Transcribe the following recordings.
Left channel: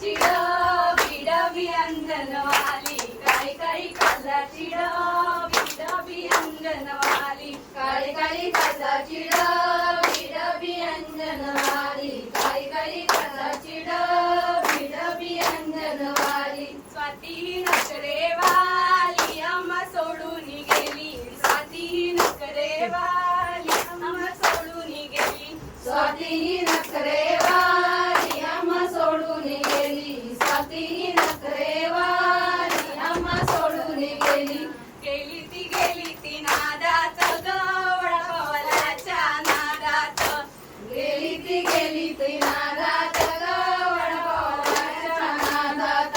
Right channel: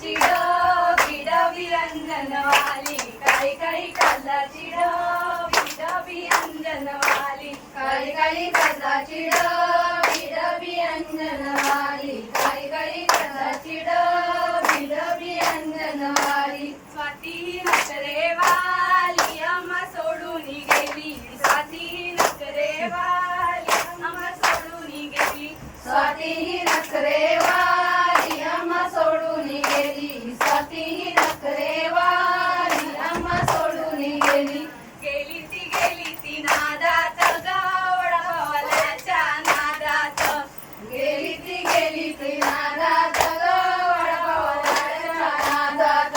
काजलाची डबी डबी अंजनवाली, काळी काळी काजलाची डबी डबी अंजनवाली, काळी काळी काजलाची डबी डबी अंजनवाली, काळी काळी काजलाची डबी डबी अंजनवाली. स्वाती नखरेवाली अम्मा सोडून गेली, स्वाती नखरेवाली अम्मा सोडून गेली, स्वाती नखरेवाली अम्मा सोडून गेली, स्वाती नखरेवाली अम्मा सोडून गेली. गेली ती नादात गवळावलाच्या नादात, गेली ती नादात गवळावलाच्या नादात.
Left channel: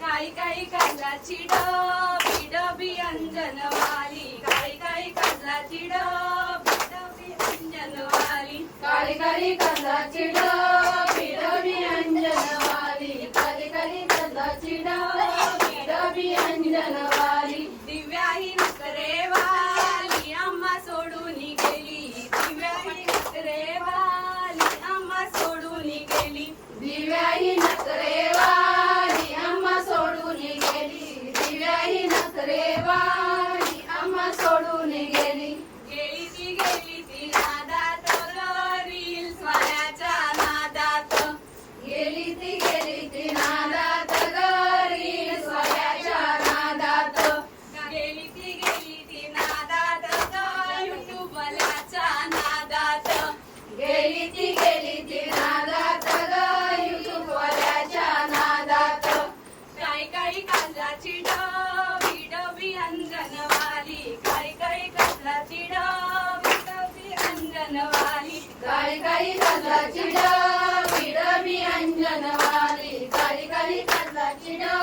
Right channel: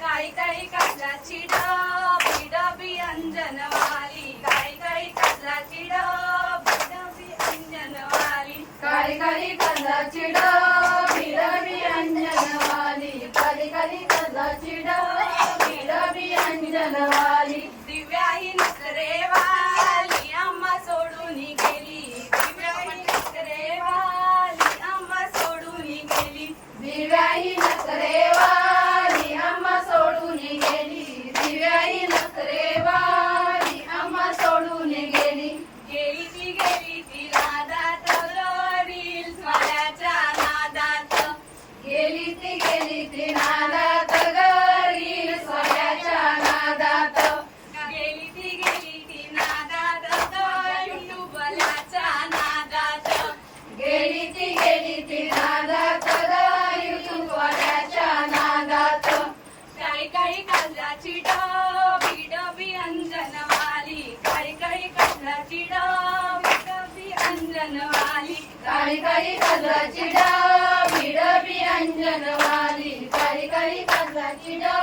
काळी काळी काजलाची डबी डबी अंजनवाली, काळी काळी काजलाची डबी डबी अंजनवाली, काळी काळी काजलाची डबी डबी अंजनवाली, काळी काळी काजलाची डबी डबी अंजनवाली. दिव्याही नखरेवाली अम्मा सोडून गेली, दिव्याही नखरेवाली अम्मा सोडून गेली, दिव्याही नखरेवाली अम्मा सोडून गेली, दिव्याही नखरेवाली अम्मा सोडून गेली. गेली ती नादात रील स्वाऱ्याच्या नादात, गेली ती नादात रील स्वाऱ्याच्या नादात, गेली ती नादात युट्यूबवाल्याच्या नादात, गेली ती नादात युट्यूबवाल्याच्या नादात. काळी काळी काजलाची डबी डबी अंजनवाली, काळी काळी काजलाची डबी डबी अंजनवाली, काळी काळी काजलाची डबी डबी अंजनवाली, काळी काळी काजलाची डबी